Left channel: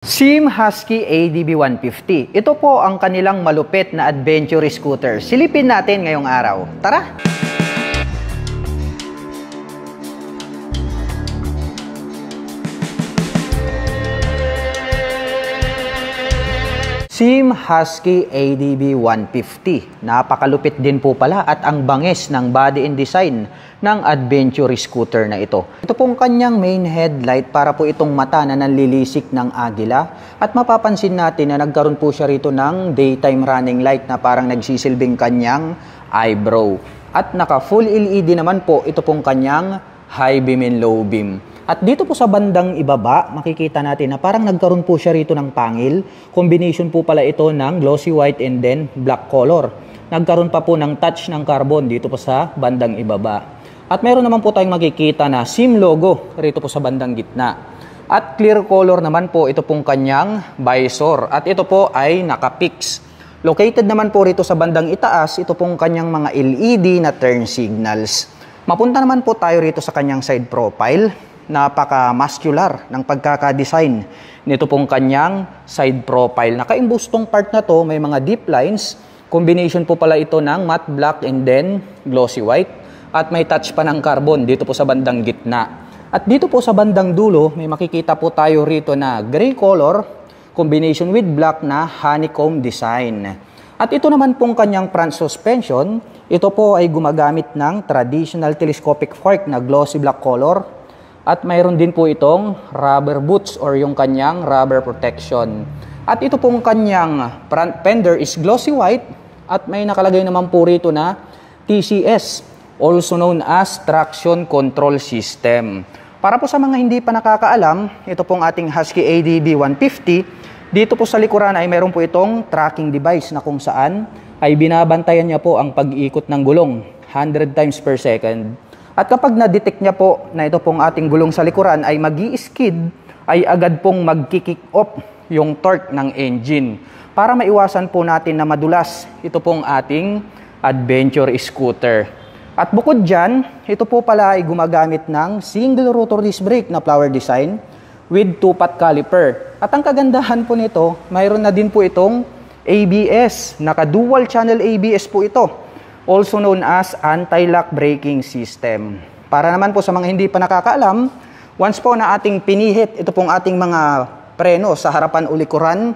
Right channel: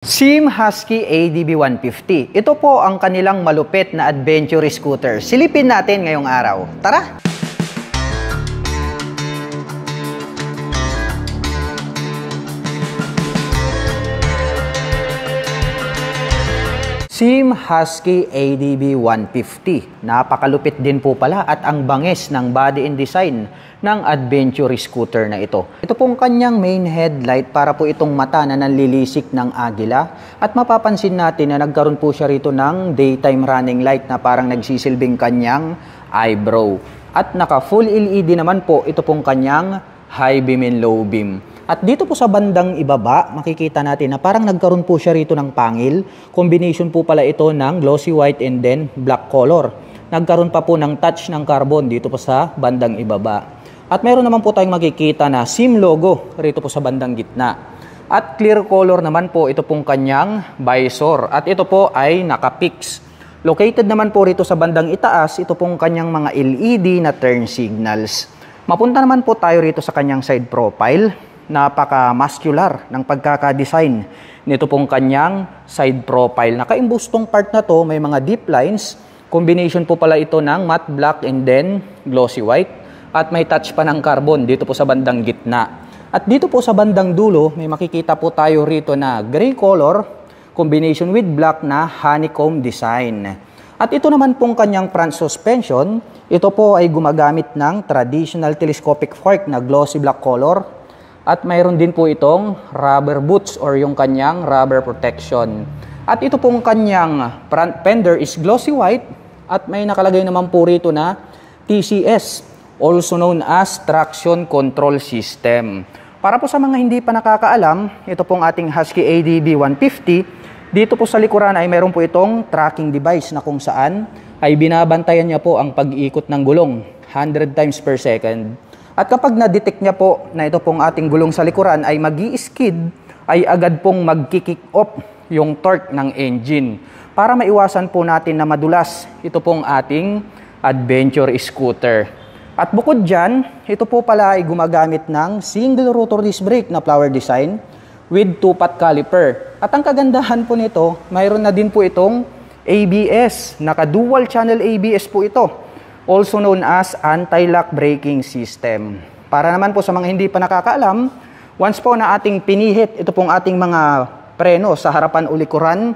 Sim Husky ADB 150. Ito po ang kanilang malupit na adventure scooter. Silipin natin ngayong araw. Tara! Sim Husky ADB 150. Napakalupit din po pala at ang bangis ng body and design ng adventure scooter na ito. Ito pong kanyang main headlight para po itong mata na nanlilisik ng agila. At mapapansin natin na nagkaroon po siya rito ng daytime running light na parang nagsisilbing kanyang eyebrow. At naka full LED naman po ito pong kanyang high beam and low beam. At dito po sa bandang ibaba, makikita natin na parang nagkaroon po siya rito ng pangil. Combination po pala ito ng glossy white and then black color. Nagkaroon pa po ng touch ng carbon dito po sa bandang ibaba. At meron naman po tayong makikita na SIM logo rito po sa bandang gitna. At clear color naman po ito pong kanyang visor. At ito po ay naka-fix. Located naman po rito sa bandang itaas, ito pong kanyang mga LED na turn signals. Mapunta naman po tayo rito sa kanyang side profile. Napaka-muscular ng pagkaka-design nito pong kanyang side profile. Nakaimbustong part na to, may mga deep lines. Combination po pala ito ng matte black and then glossy white. At may touch pa ng carbon dito po sa bandang gitna. At dito po sa bandang dulo, may makikita po tayo rito na gray color, combination with black na honeycomb design. At ito naman pong kanyang front suspension, ito po ay gumagamit ng traditional telescopic fork na glossy black color. At mayroon din po itong rubber boots or yung kanyang rubber protection. At ito pong kanyang front fender is glossy white at may nakalagay naman po rito na TCS, also known as Traction Control System. Para po sa mga hindi pa nakakaalam, ito pong ating Husky ADB 150. Dito po sa likuran ay meron po itong tracking device na kung saan ay binabantayan niya po ang pag-iikot ng gulong 100 times per second. At kapag na-detect niya po na ito pong ating gulong sa likuran ay mag-i-skid, ay agad pong mag-kick off yung torque ng engine. Para maiwasan po natin na madulas ito pong ating adventure scooter. At bukod dyan, ito po pala ay gumagamit ng single rotor disc brake na flower design with 2-pot caliper. At ang kagandahan po nito, mayroon na din po itong ABS. Naka-dual channel ABS po ito. Also known as anti-lock braking system. Para naman po sa mga hindi pa nakakaalam, once po na ating pinihit ito pong ating mga preno sa harapan o likuran,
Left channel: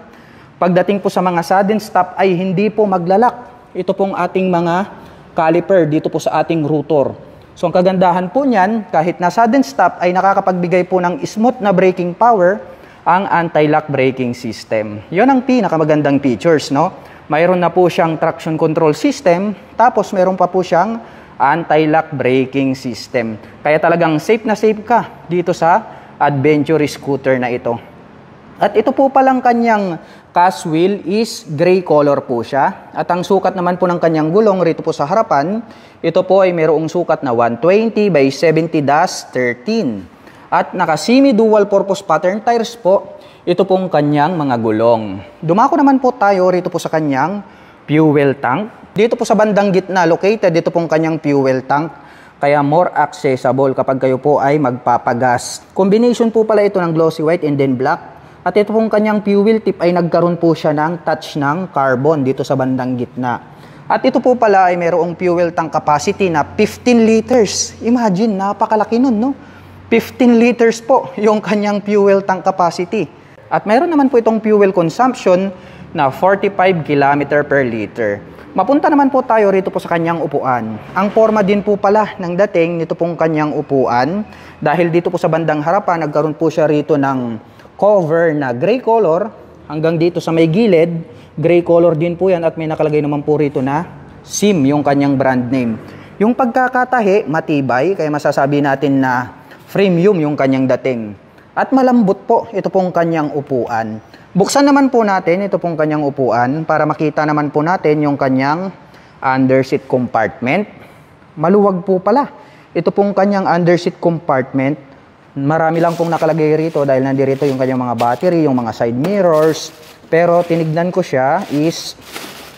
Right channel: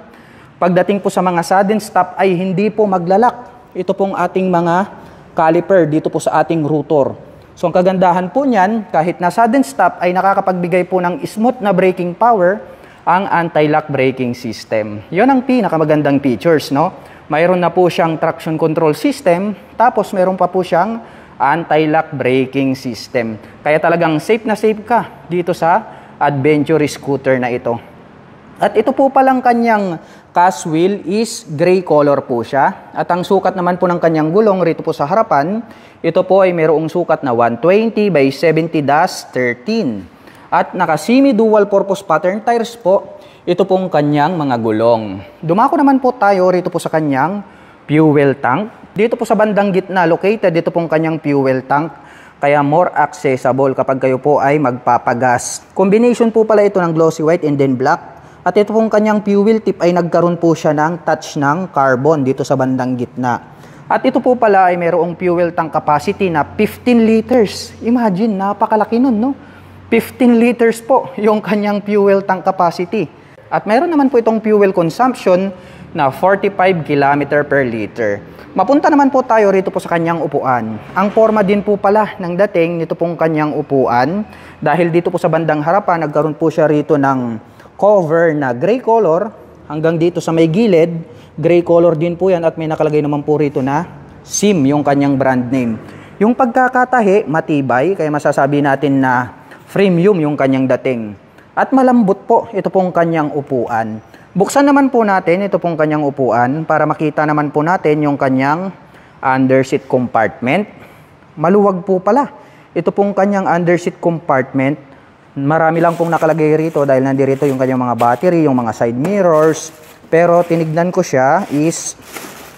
pagdating po sa mga sudden stop ay hindi po maglalak ito pong ating mga caliper dito po sa ating rotor. So ang kagandahan po niyan, kahit na sudden stop ay nakakapagbigay po ng smooth na braking power ang anti-lock braking system. Yun ang pinakamagandang features, no? Mayroon na po siyang traction control system, tapos mayroon pa po siyang anti-lock braking system. Kaya talagang safe na safe ka dito sa adventure scooter na ito. At ito po palang kanyang cast wheel is gray color po siya. At ang sukat naman po ng kanyang gulong rito po sa harapan, ito po ay mayroong sukat na 120 by 70-13. At naka semi-dual purpose pattern tires po, ito pong kanyang mga gulong. Dumako naman po tayo rito po sa kanyang fuel tank. Dito po sa bandang gitna, located dito pong kanyang fuel tank. Kaya more accessible kapag kayo po ay magpapagas. Combination po pala ito ng glossy white and then black. At ito pong kanyang fuel tip ay nagkaroon po siya ng touch ng carbon dito sa bandang gitna. At ito po pala ay mayroong fuel tank capacity na 15 liters. Imagine, napakalaki nun, no? 15 liters po yung kanyang fuel tank capacity. At mayroon naman po itong fuel consumption na 45 km per liter. Mapunta naman po tayo rito po sa kanyang upuan. Ang forma din po pala ng dating nito pong kanyang upuan. Dahil dito po sa bandang harapan, nagkaroon po siya rito ng cover na gray color. Hanggang dito sa may gilid, gray color din po yan. At may nakalagay naman po rito na SIM, yung kanyang brand name. Yung pagkakatahi, matibay. Kaya masasabi natin na premium yung kanyang dating. At malambot po ito pong kanyang upuan. Buksan naman po natin ito pong kanyang upuan para makita naman po natin yung kanyang underseat compartment. Maluwag po pala ito pong kanyang underseat compartment. Marami lang pong nakalagay rito dahil nandirito yung kanyang mga battery, yung mga side mirrors. Pero tinignan ko siya is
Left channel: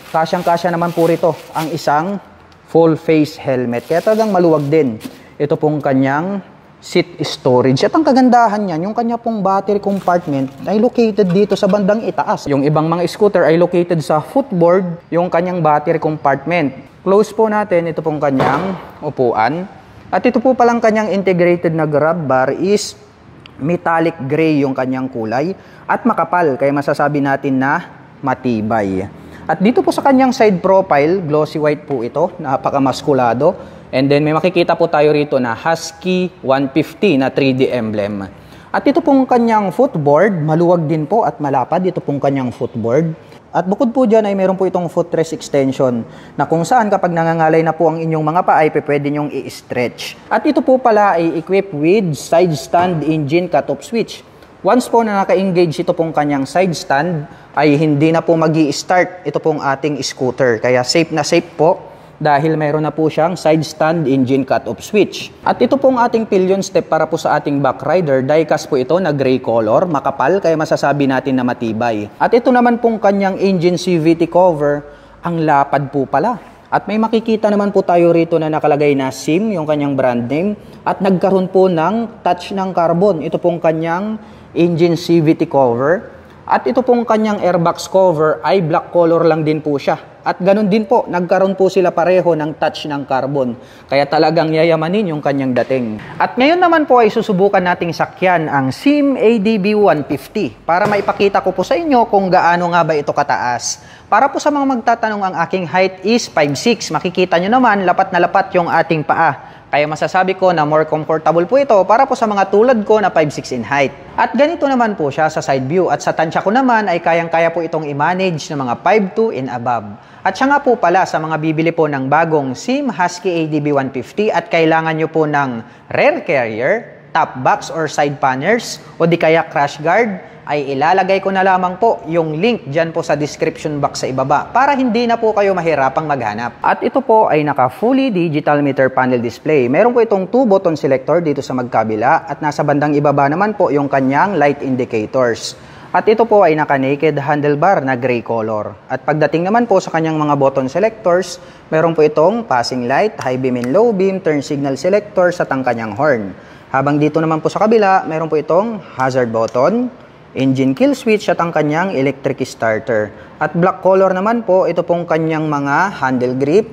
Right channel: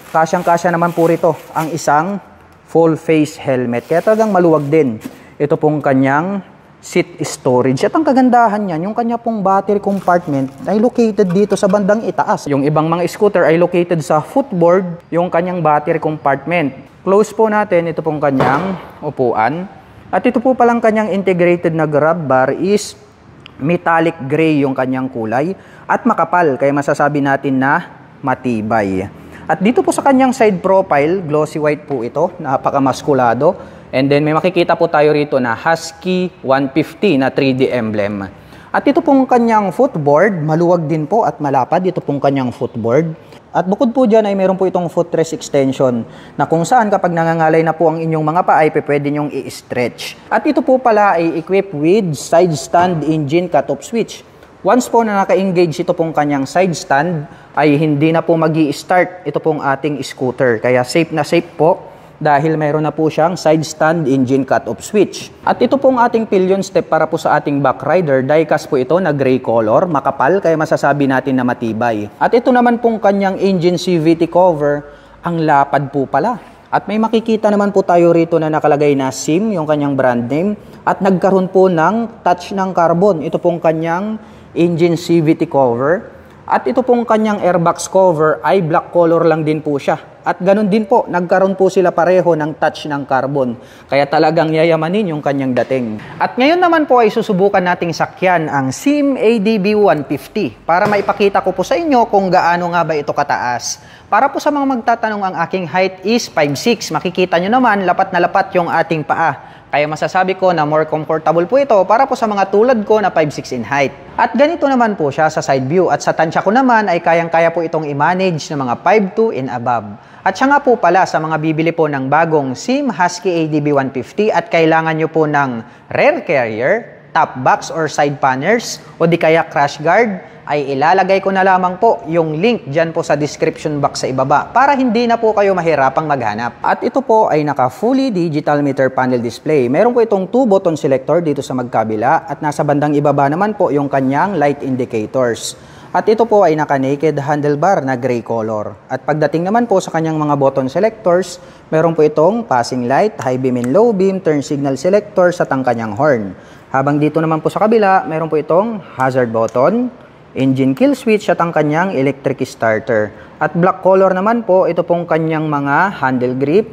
kasyang-kasya naman po rito ang isang full face helmet. Kaya talagang maluwag din ito pong kanyang seat storage. At ang kagandahan niyan, yung kanya pong battery compartment ay located dito sa bandang itaas. Yung ibang mga scooter ay located sa footboard, yung kanyang battery compartment. Close po natin, ito pong kanyang upuan. At ito po palang kanyang integrated na grab bar is metallic gray yung kanyang kulay at makapal, kaya masasabi natin na matibay. At dito po sa kanyang side profile, glossy white po ito, napakamaskulado. And then may makikita po tayo rito na Husky 150 na 3D emblem. At ito pong kanyang footboard, maluwag din po at malapad. Ito pong kanyang footboard. At bukod po dyan ay meron po itong footrest extension na kung saan kapag nangangalay na po ang inyong mga paa ay pwede nyong i-stretch. At ito po pala ay equipped with side stand engine cut-off switch. Once po na naka-engage ito pong kanyang side stand ay hindi na po magi-start ito pong ating scooter. Kaya safe na safe po dahil mayroon na po siyang side stand engine cut-off switch. At ito pong ating pillion step para po sa ating back rider, die-cast po ito na gray color, makapal, kaya masasabi natin na matibay. At ito naman pong kanyang engine CVT cover, ang lapad po pala. At may makikita naman po tayo rito na nakalagay na SIM, yung kanyang brand name, at nagkaroon po ng touch ng carbon. Ito pong kanyang engine CVT cover. At ito pong kanyang airbox cover ay black color lang din po siya. At ganun din po, nagkaroon po sila pareho ng touch ng carbon. Kaya talagang yayamanin yung kanyang dating. At ngayon naman po ay susubukan nating sakyan ang SIM ADB 150 para maipakita ko po sa inyo kung gaano nga ba ito kataas. Para po sa mga magtatanong, ang aking height is 5'6". Makikita nyo naman, lapat na lapat yung ating paa. Kaya masasabi ko na more comfortable po ito para po sa mga tulad ko na 5'6" in height. At ganito naman po siya sa side view. At sa tansya ko naman ay kayang-kaya po itong i-manage ng mga 5'2" and above. At siya nga po pala sa mga bibili po ng bagong SIM Husky ADB 150 at kailangan nyo po ng rear carrier, top box or side panners o di kaya crash guard, ay ilalagay ko na lamang po yung link dyan po sa description box sa ibaba para hindi na po kayo mahirapang maghanap. At ito po ay naka fully digital meter panel display. Meron po itong 2 button selector dito sa magkabila at nasa bandang ibaba naman po yung kanyang light indicators. At ito po ay naka naked handlebar na gray color. At pagdating naman po sa kanyang mga button selectors, meron po itong passing light, high beam and low beam, turn signal selector at ang kanyang horn. Habang dito naman po sa kabila, meron po itong hazard button, engine kill switch at ang kanyang electric starter. At black color naman po, ito pong kanyang mga handle grip.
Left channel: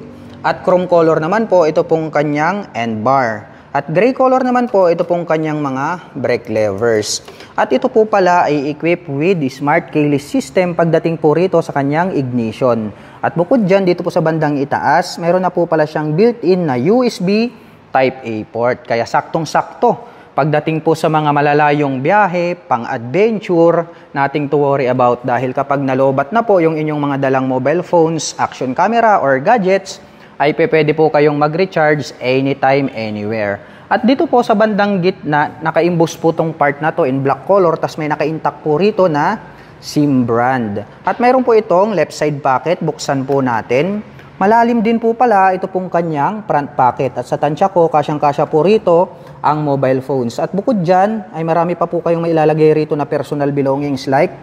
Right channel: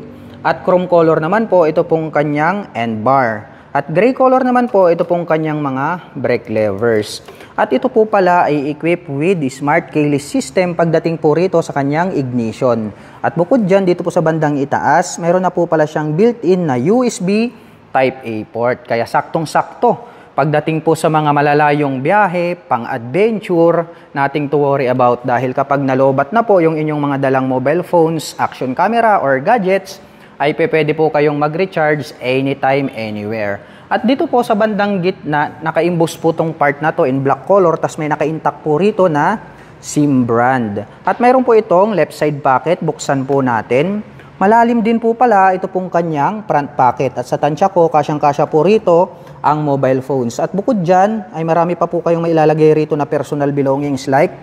At chrome color naman po, ito pong kanyang end bar. At gray color naman po, ito pong kanyang mga brake levers. At ito po pala ay equipped with the smart keyless system pagdating po rito sa kanyang ignition. At bukod dyan, dito po sa bandang itaas, meron na po pala siyang built-in na USB Type-A port. Kaya saktong-sakto pagdating po sa mga malalayong biyahe, pang-adventure, nothing to worry about dahil kapag nalobat na po yung inyong mga dalang mobile phones, action camera, or gadgets, ay pwede po kayong mag-recharge anytime, anywhere. At dito po sa bandang gitna, naka-imbus po tong part na to in black color, tas may naka-intact po rito na SIM brand. At mayroon po itong left side pocket, buksan po natin. Malalim din po pala ito pong kanyang front pocket. At sa tansya ko, kasyang-kasya po rito ang mobile phones. At bukod dyan, ay marami pa po kayong mailalagay rito na personal belongings like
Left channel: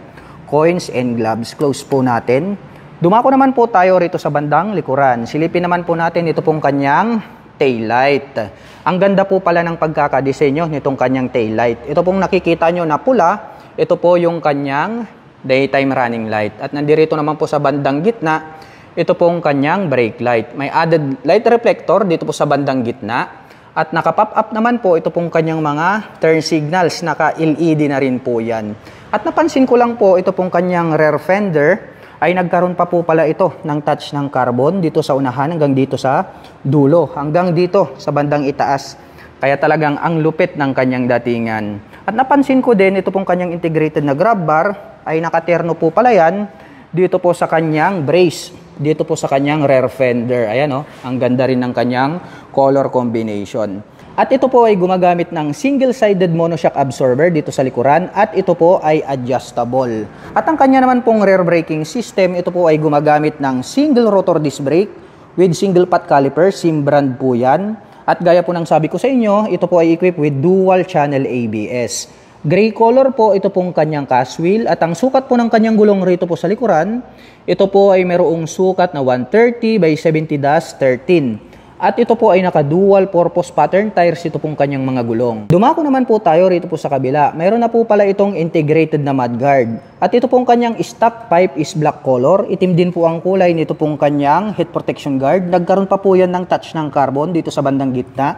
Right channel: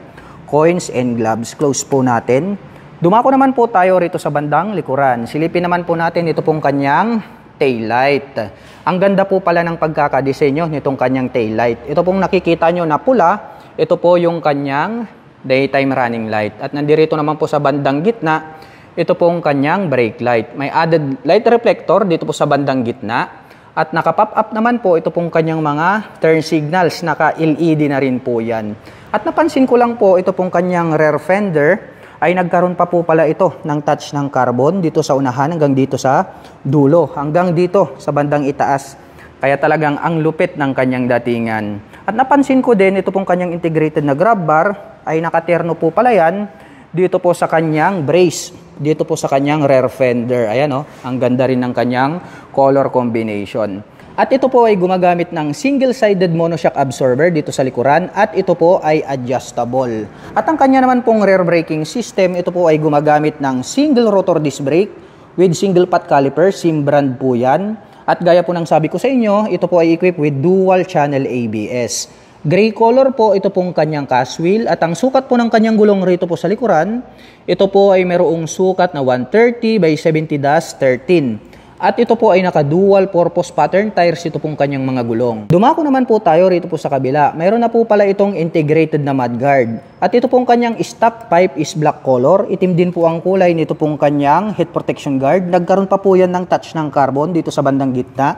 coins and gloves. Close po natin. Dumako naman po tayo rito sa bandang likuran. Silipin naman po natin ito pong kanyang taillight. Ang ganda po pala ng pagkakadesenyo nitong kanyang taillight. Ito pong nakikita nyo na pula, ito po yung kanyang daytime running light. At nandirito naman po sa bandang gitna, ito pong kanyang brake light. May added light reflector dito po sa bandang gitna. At naka-pop up naman po ito pong kanyang mga turn signals. Naka-LED na rin po yan. At napansin ko lang po ito pong kanyang rear fender ay nagkaroon pa po pala ito ng touch ng carbon dito sa unahan hanggang dito sa dulo, hanggang dito sa bandang itaas. Kaya talagang ang lupit ng kanyang datingan. At napansin ko din, ito pong kanyang integrated na grab bar ay nakaterno po pala yan dito po sa kanyang brace, dito po sa kanyang rear fender. Ayan o, ang ganda rin ng kanyang color combination. At ito po ay gumagamit ng single-sided monoshock absorber dito sa likuran at ito po ay adjustable. At ang kanya naman pong rear braking system, ito po ay gumagamit ng single rotor disc brake with single pot caliper, SIM brand po yan. At gaya po ng sabi ko sa inyo, ito po ay equipped with dual channel ABS. Gray color po ito pong kanyang cast wheel at ang sukat po ng kanyang gulong rito po sa likuran, ito po ay mayroong sukat na 130 by 70-13. At ito po ay naka-dual purpose pattern tires, ito pong kanyang mga gulong. Dumako naman po tayo rito po sa kabila. Mayroon na po pala itong integrated na mudguard. At ito pong kanyang stock pipe is black color. Itim din po ang kulay nito pong kanyang head protection guard. Nagkaroon pa po yan ng touch ng carbon dito sa bandang gitna.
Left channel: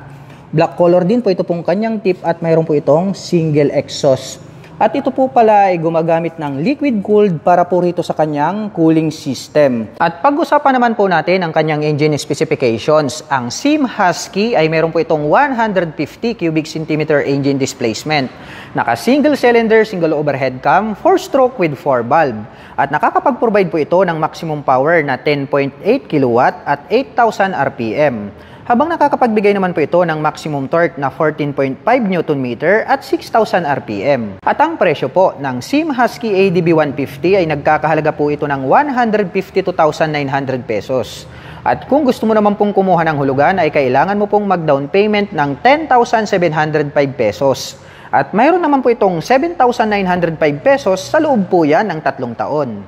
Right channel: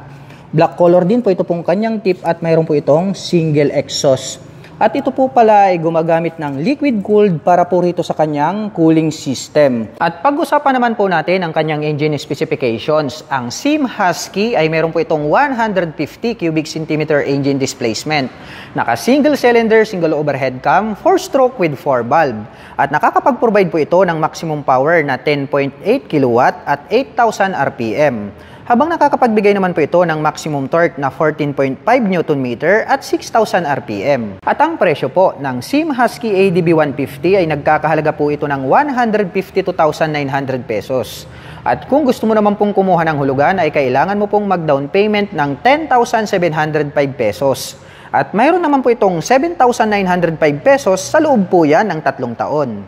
Black color din po ito pong kanyang tip at mayroon po itong single exhaust. At ito po pala ay gumagamit ng liquid cooled para po rito sa kanyang cooling system. At pag-usapan naman po natin ang kanyang engine specifications. Ang Sim Husky ay meron po itong 150 cubic centimeter engine displacement. Naka single cylinder, single overhead cam, 4-stroke with 4 valve. At nakakapag-provide po ito ng maximum power na 10.8 kW at 8,000 RPM. Habang nakakapagbigay naman po ito ng maximum torque na 14.5 Nm at 6,000 RPM. At ang presyo po ng Sim Husky ADB 150 ay nagkakahalaga po ito ng 152,900 pesos. At kung gusto mo naman pong kumuha ng hulugan ay kailangan mo pong mag-down payment ng 10,705 pesos. At mayroon naman po itong 7,905 pesos sa loob po yan ng 3 taon.